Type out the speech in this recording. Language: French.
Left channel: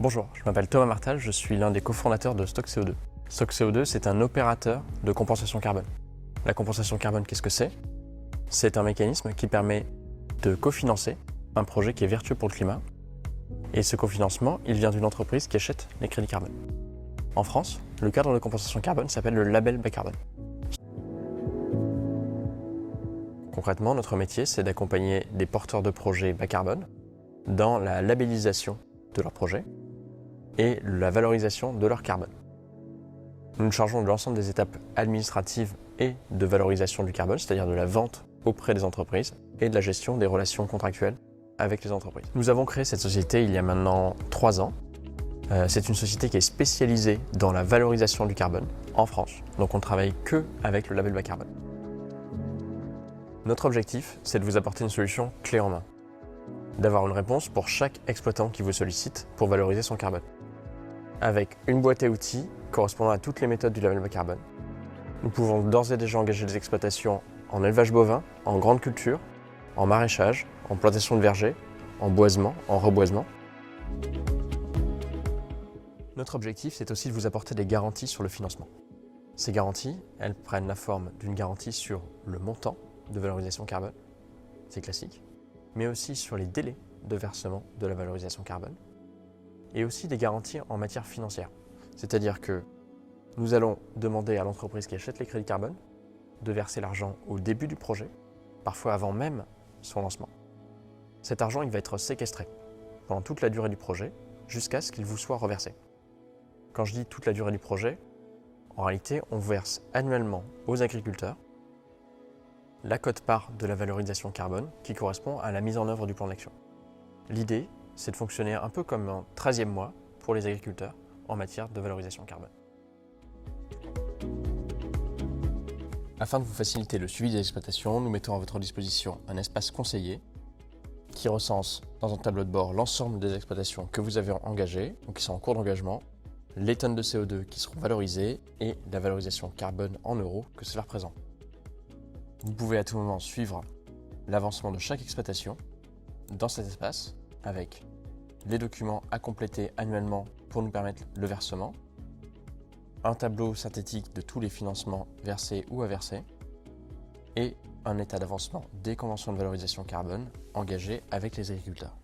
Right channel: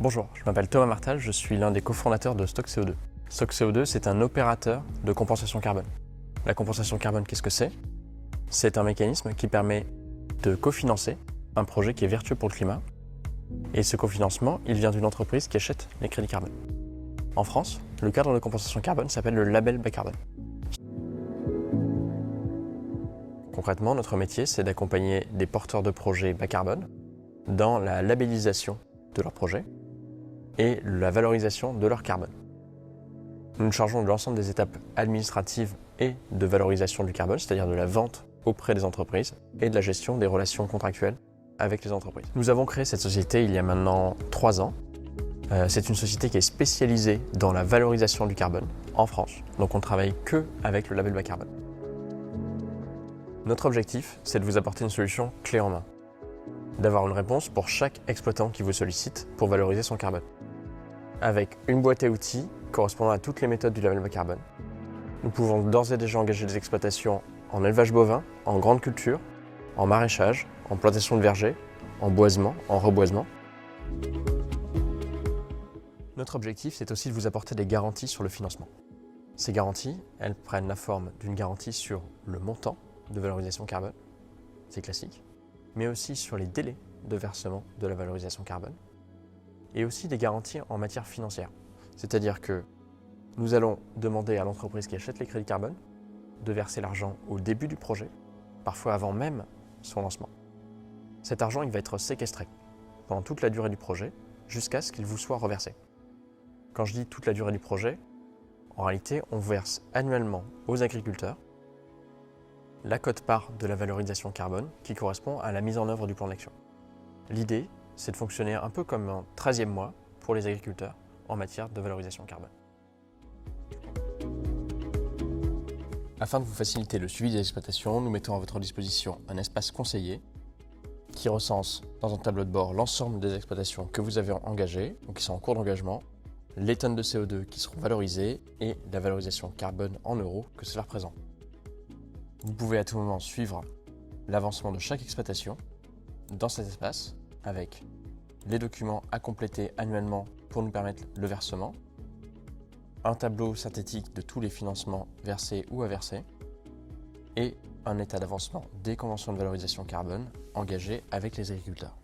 Bonjour, je m'appelle Thomas Martal, je suis l'un des cofondateurs de Stock CO2. Stock CO2, c'est un opérateur de compensation carbone. La compensation carbone, qu'est-ce que c'est? C'est un mécanisme qui permet de cofinancer un projet qui est vertueux pour le climat. Et ce cofinancement, il vient d'une entreprise qui achète les crédits carbone. En France, le cadre de compensation carbone s'appelle le label bas carbone. Concrètement, notre métier, c'est d'accompagner des porteurs de projets bas carbone dans la labellisation de leurs projets et la valorisation de leur carbone. Nous nous chargeons de l'ensemble des étapes administratives et de valorisation du carbone, c'est-à-dire de la vente auprès des entreprises et de la gestion des relations contractuelles avec les entreprises. Nous avons créé cette société il y a maintenant 3 ans. C'est une société qui est spécialisée dans la valorisation du carbone en France, donc on ne travaille que avec le label bas carbone. Notre objectif, c'est de vous apporter une solution clé en main, d'avoir une réponse pour chaque exploitant qui vous sollicite pour valoriser son carbone, avec une boîte à outils correspondant à toutes les méthodes du label bas carbone. Nous pouvons d'ores et déjà engager des exploitations en élevage bovin, en grande culture, en maraîchage, en plantation de vergers, en boisement, en reboisement. Notre objectif, c'est aussi de vous apporter des garanties sur le financement. Ces garanties, elles prennent la forme d'une garantie sur le montant de valorisation carbone, c'est classique, mais aussi sur les délais de versement de la valorisation carbone, et aussi des garanties en matière financière. C'est-à-dire que nous allons demander à l'entreprise qui achète les crédits carbone de verser l'argent au début du projet, parfois avant même son lancement. Cet argent, il va être séquestré pendant toute la durée du projet, jusqu'à ce qu'il vous soit reversé. Quand je dis toute la durée du projet, en réalité, on verse annuellement aux agriculteurs la quote-part de la valorisation carbone qui correspond à la mise en œuvre du plan d'action. L'idée, c'est de fonctionner un peu comme un 13e mois pour les agriculteurs en matière de valorisation carbone. Afin de vous faciliter le suivi des exploitations, nous mettons à votre disposition un espace conseillé qui recense dans un tableau de bord l'ensemble des exploitations que vous avez engagées, ou qui sont en cours d'engagement, les tonnes de CO2 qui seront valorisées et la valorisation carbone en euros que cela représente. Vous pouvez à tout moment suivre l'avancement de chaque exploitation dans cet espace avec les documents à compléter annuellement pour nous permettre le versement, un tableau synthétique de tous les financements versés ou à verser et un état d'avancement des conventions de valorisation carbone engagées avec les agriculteurs.